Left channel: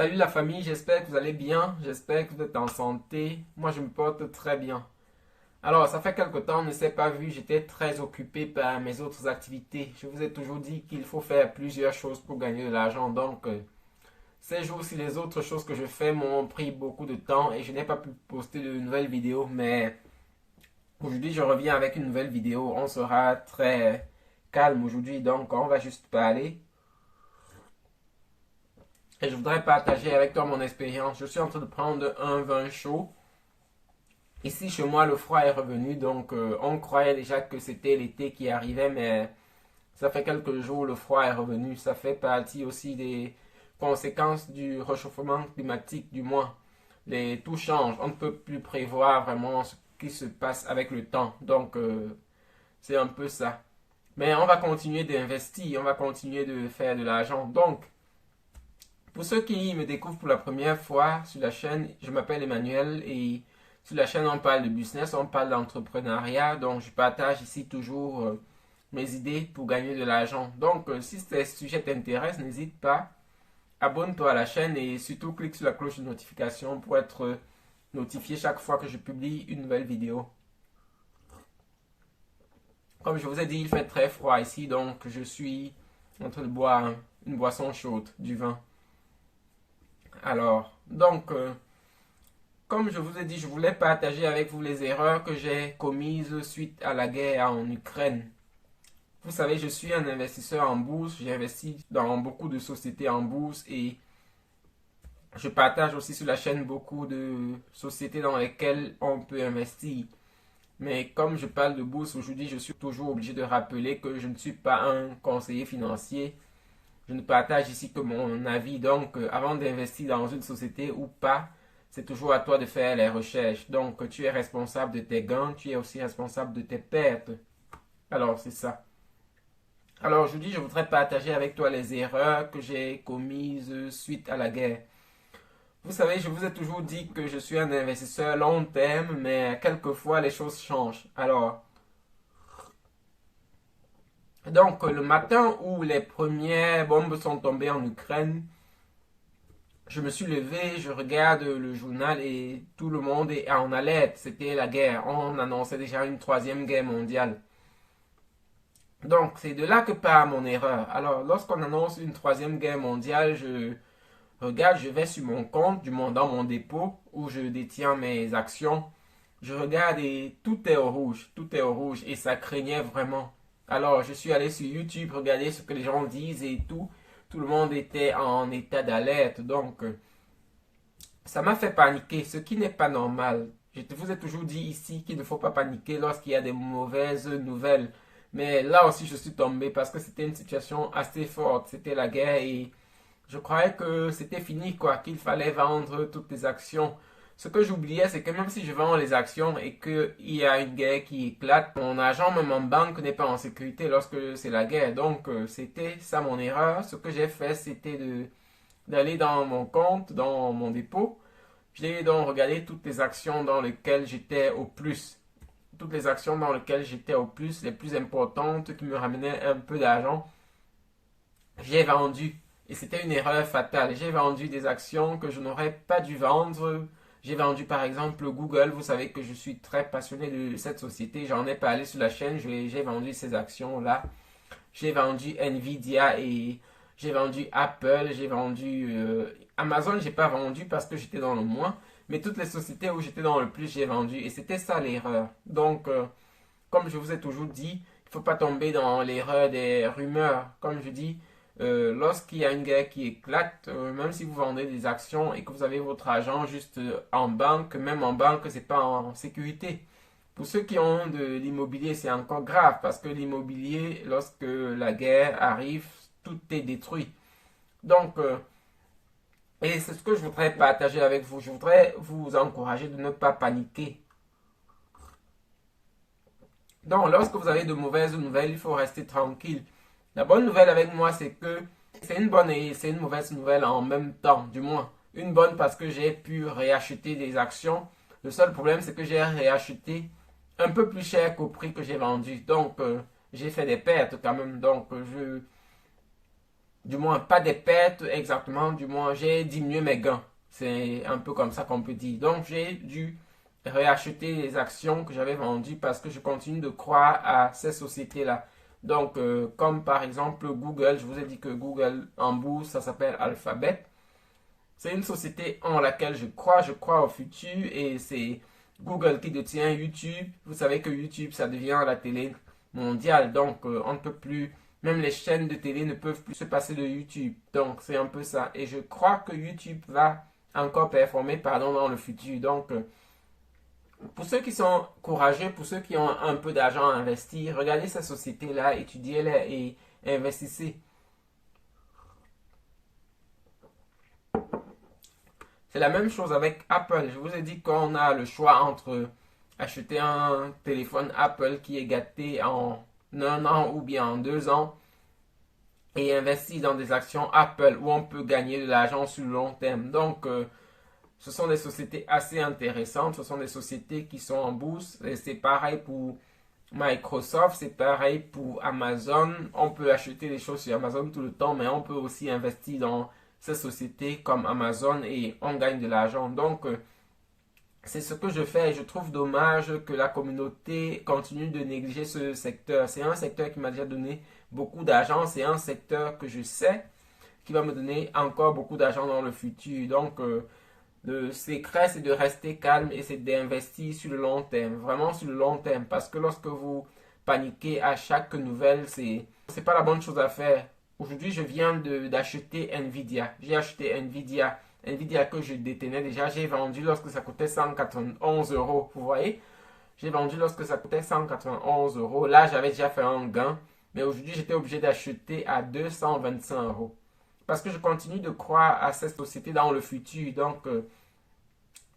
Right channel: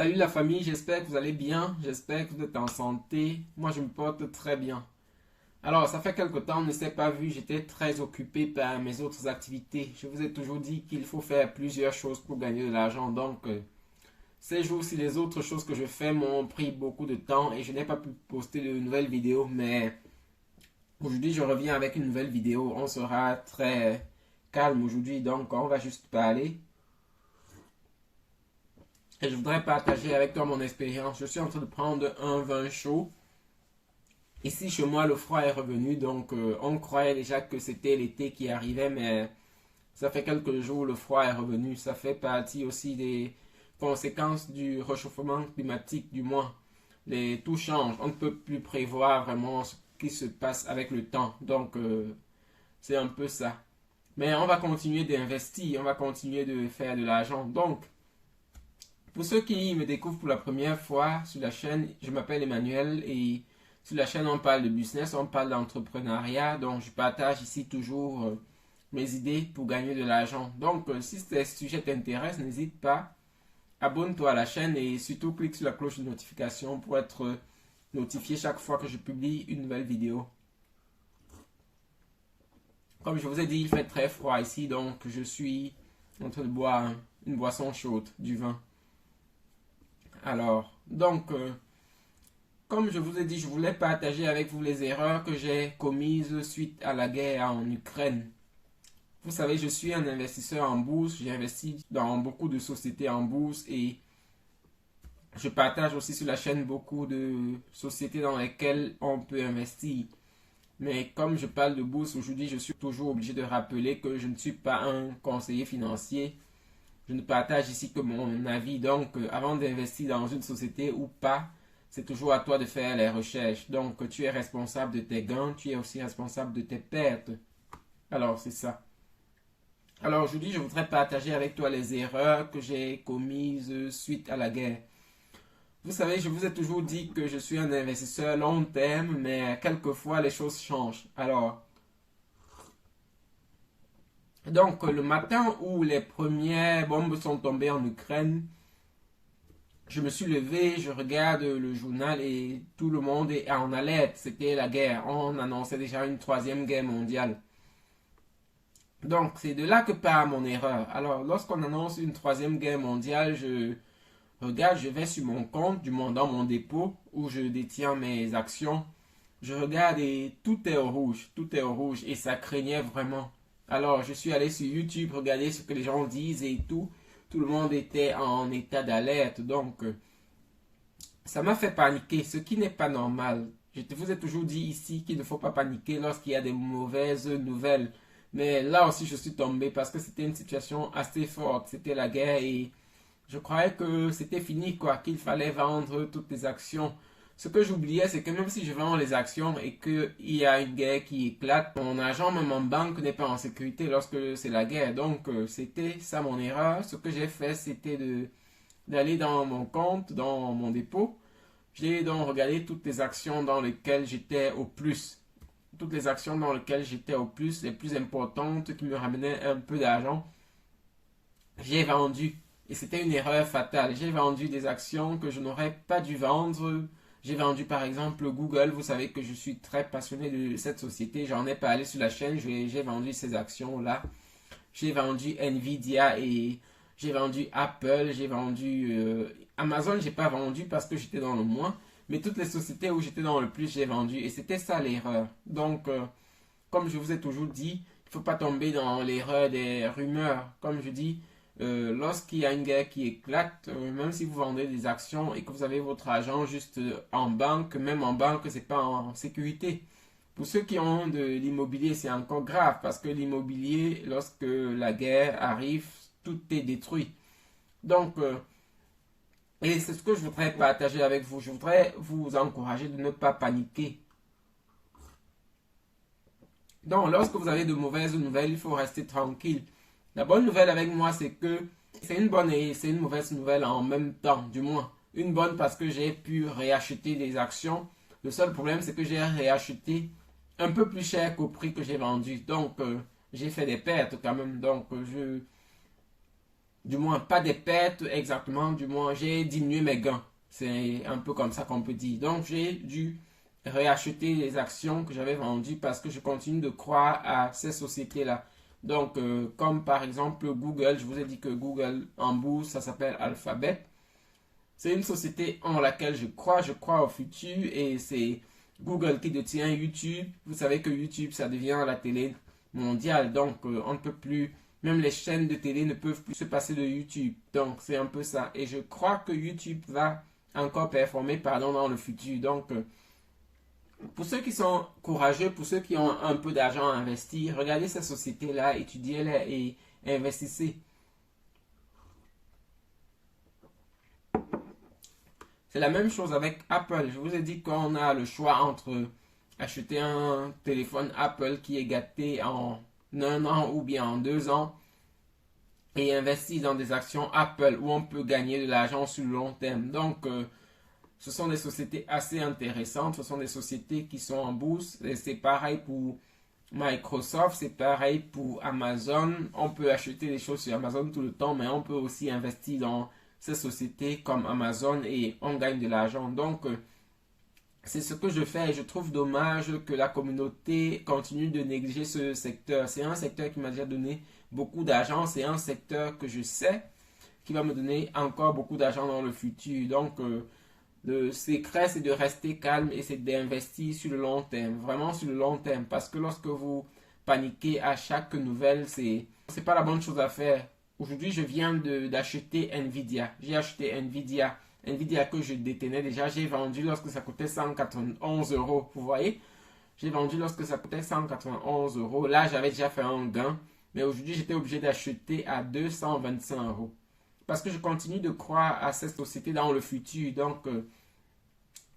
Salut la famille, j'espère que vous allez bien, j'espère que vous êtes en santé. Moi je me porte très bien. Alors ça fait quelque temps, on ne s'est pas vu, j'étais très occupé par mes autres activités. Je vous ai toujours dit qu'il faut faire plusieurs choses pour gagner de l'argent. Donc ces jours-ci, les autres choses que je fais m'ont pris beaucoup de temps et je n'ai pas pu poster de nouvelles vidéos. Mais aujourd'hui je reviens avec une nouvelle vidéo. On sera très calme aujourd'hui, donc on va juste parler. Et je voudrais partager avec toi mon expérience. Je suis en train de prendre un vin chaud. Ici, chez moi, le froid est revenu, donc on croyait déjà que c'était l'été qui arrivait, mais ça fait quelques jours, le froid est revenu. Ça fait partie aussi des conséquences du réchauffement climatique, du moins. Tout change, on ne peut plus prévoir vraiment ce qui se passe avec le temps, donc c'est un peu ça. Mais on va continuer d'investir, on va continuer de faire de l'argent. Donc, pour ceux qui me découvrent pour la première fois sur la chaîne, je m'appelle Emmanuel et sur la chaîne on parle de business, on parle d'entrepreneuriat, donc je partage ici toujours mes idées pour gagner de l'argent. Donc si ces sujets t'intéressent, n'hésite pas, abonne-toi à la chaîne et surtout clique sur la cloche de notification pour être notifié chaque fois que je publie une nouvelle vidéo. Comme je vous ai dit, il fait très froid ici, donc je suis en train de boire une boisson chaude, du vin. Alors, donc, comme je vous ai dit, je voulais partager avec vous les erreurs que j'ai commises suite à la guerre en Ukraine. Vous savez, je suis un investisseur en bourse, j'ai investi dans beaucoup de sociétés en bourse et je partage aussi sur la chaîne beaucoup de sociétés dans lesquelles on peut investir. Mais comme je parle de bourse aujourd'hui, je suis toujours obligé de rappeler que je ne suis pas un conseiller financier. Je ne partage ici que mon avis. Donc, avant d'investir dans une société ou pas, c'est toujours à toi de faire les recherches. Donc, tu es responsable de tes gains, tu es aussi responsable de tes pertes. Alors, c'est ça. Alors, aujourd'hui, je voudrais partager avec toi les erreurs que j'ai commises suite à la guerre. Vous savez, je vous ai toujours dit que je suis un investisseur long terme, mais quelquefois les choses changent. Alors, donc, le matin où les premières bombes sont tombées en Ukraine, je me suis levé, je regarde le journal et tout le monde est en alerte. C'était la guerre. On annonçait déjà une troisième guerre mondiale. Donc, c'est de là que part mon erreur. Alors, lorsqu'on annonce une troisième guerre mondiale, je regarde, je vais sur mon compte, du moins dans mon dépôt où je détiens mes actions. Je regarde et tout est au rouge. Tout est au rouge et ça craignait vraiment. Alors, je suis allé sur YouTube, regarder ce que les gens disent et tout. Tout le monde était en état d'alerte. Donc, ça m'a fait paniquer, ce qui n'est pas normal. Je vous ai toujours dit ici qu'il ne faut pas paniquer lorsqu'il y a des mauvaises nouvelles. Mais là aussi, je suis tombé parce que c'était une situation assez forte. C'était la guerre et je croyais que c'était fini, quoi, qu'il fallait vendre toutes les actions. Ce que j'oubliais, c'est que même si je vends les actions et qu'il y a une guerre qui éclate, mon argent, même en banque, n'est pas en sécurité lorsque c'est la guerre. Donc, c'était ça mon erreur. Ce que j'ai fait, c'était d'aller dans mon compte, dans mon dépôt. J'ai donc regardé toutes les actions dans lesquelles j'étais au plus. Toutes les actions dans lesquelles j'étais au plus, les plus importantes, qui me ramenaient un peu d'argent, j'ai vendu. Et c'était une erreur fatale. J'ai vendu des actions que je n'aurais pas dû vendre. J'ai vendu par exemple Google. Vous savez que je suis très passionné de cette société. J'en ai parlé sur la chaîne. J'ai vendu ces actions-là. J'ai vendu Nvidia et j'ai vendu Apple. J'ai vendu Amazon. J'ai pas vendu parce que j'étais dans le moins. Mais toutes les sociétés où j'étais dans le plus, j'ai vendu. Et c'était ça l'erreur. Donc, comme je vous ai toujours dit, il ne faut pas tomber dans l'erreur des rumeurs. Comme je dis, lorsqu'il y a une guerre qui éclate, même si vous vendez des actions et que vous avez votre argent juste en banque, même en banque, c'est pas en sécurité. Pour ceux qui ont de l'immobilier, c'est encore grave parce que l'immobilier, lorsque la guerre arrive, tout est détruit. Donc, et c'est ce que je voudrais partager avec vous. Je voudrais vous encourager de ne pas paniquer. Donc, lorsque vous avez de mauvaises nouvelles, il faut rester tranquille. La bonne nouvelle avec moi, c'est que c'est une bonne et c'est une mauvaise nouvelle en même temps, du moins. Une bonne parce que j'ai pu réacheter des actions. Le seul problème, c'est que j'ai réacheté un peu plus cher qu'au prix que j'ai vendu. Donc, j'ai fait des pertes quand même. Donc, Du moins, pas des pertes exactement, du moins, j'ai diminué mes gains. C'est un peu comme ça qu'on peut dire. Donc, j'ai dû réacheter les actions que j'avais vendues parce que je continue de croire à ces sociétés-là. Donc, comme par exemple Google, je vous ai dit que Google en bourse, ça s'appelle Alphabet. C'est une société en laquelle je crois au futur et c'est Google qui détient YouTube. Vous savez que YouTube, ça devient la télé mondiale, donc on ne peut plus, même les chaînes de télé ne peuvent plus se passer de YouTube. Donc c'est un peu ça. Et je crois que YouTube va encore performer, pardon, dans le futur. Donc pour ceux qui sont courageux, pour ceux qui ont un peu d'argent à investir, regardez ces sociétés-là, étudiez-les et investissez. C'est la même chose avec Apple. Je vous ai dit qu'on a le choix entre acheter un téléphone Apple qui est gâté en un an ou bien en 2 ans et investir dans des actions Apple où on peut gagner de l'argent sur le long terme. Donc, ce sont des sociétés assez intéressantes. Ce sont des sociétés qui sont en bourse. Et c'est pareil pour Microsoft, c'est pareil pour Amazon. On peut acheter les choses sur Amazon tout le temps, mais on peut aussi investir dans ces sociétés comme Amazon et on gagne de l'argent. Donc, c'est ce que je fais et je trouve dommage que la communauté continue de négliger ce secteur. C'est un secteur qui m'a déjà donné beaucoup d'argent. C'est un secteur que je sais qui va me donner encore beaucoup d'argent dans le futur. Donc, le secret, c'est de rester calme et c'est d'investir sur le long terme. Vraiment sur le long terme. Parce que lorsque vous paniquez à chaque nouvelle, c'est pas la bonne chose à faire. Aujourd'hui, je viens d'acheter Nvidia. J'ai acheté Nvidia que je détenais déjà. J'ai vendu lorsque ça coûtait 191 euros. Vous voyez? J'ai vendu lorsque ça coûtait 191 euros. Là, j'avais déjà fait un gain. Mais aujourd'hui, j'étais obligé d'acheter à 225 euros. Parce que je continue de croire à cette société dans le futur. Donc,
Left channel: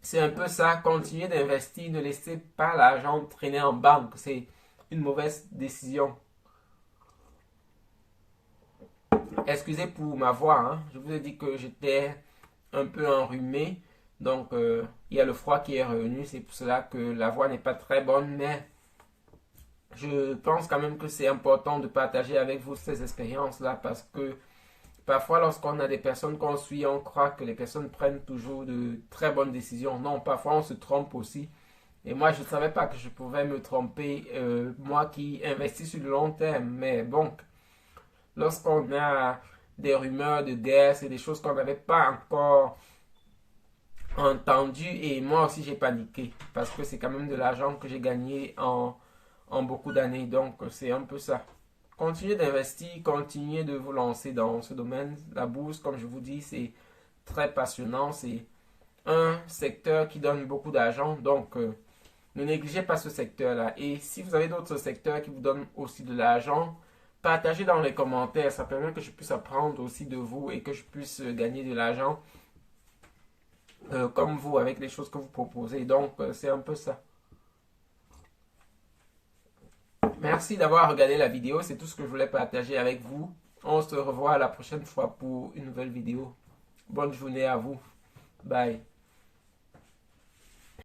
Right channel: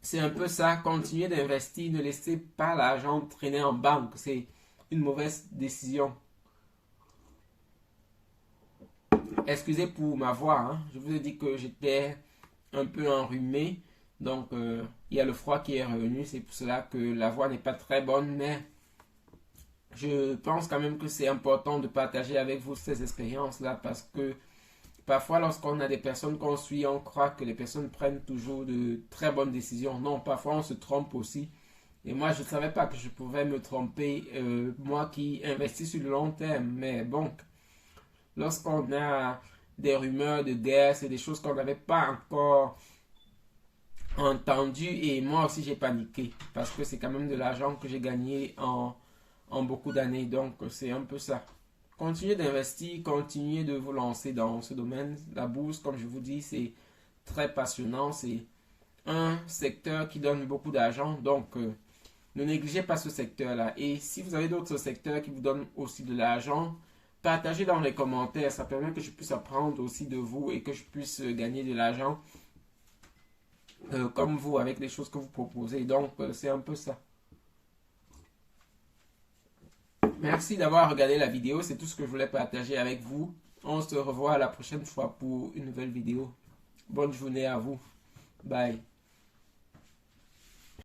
c'est un peu ça. Continuez d'investir. Ne laissez pas l'argent traîner en banque. C'est une mauvaise décision. Excusez pour ma voix, hein. Je vous ai dit que j'étais un peu enrhumé. Donc, il y a le froid qui est revenu. C'est pour cela que la voix n'est pas très bonne. Mais je pense quand même que c'est important de partager avec vous ces expériences-là. Parce que parfois, lorsqu'on a des personnes qu'on suit, on croit que les personnes prennent toujours de très bonnes décisions. Non, parfois, on se trompe aussi. Et moi, je ne savais pas que je pouvais me tromper. Moi qui investis sur le long terme. Mais bon, lorsqu'on a des rumeurs de guerre, c'est des choses qu'on n'avait pas encore entendues et moi aussi j'ai paniqué parce que c'est quand même de l'argent que j'ai gagné en beaucoup d'années. Donc c'est un peu ça. Continuez d'investir, continuez de vous lancer dans ce domaine. La bourse, comme je vous dis, c'est très passionnant. C'est un secteur qui donne beaucoup d'argent. Donc ne négligez pas ce secteur-là. Et si vous avez d'autres secteurs qui vous donnent aussi de l'argent, partagez dans les commentaires, ça permet que je puisse apprendre aussi de vous et que je puisse gagner de l'argent comme vous avec les choses que vous proposez. Donc, c'est un peu ça. Merci d'avoir regardé la vidéo, c'est tout ce que je voulais partager avec vous. On se revoit la prochaine fois pour une nouvelle vidéo. Bonne journée à vous. Bye.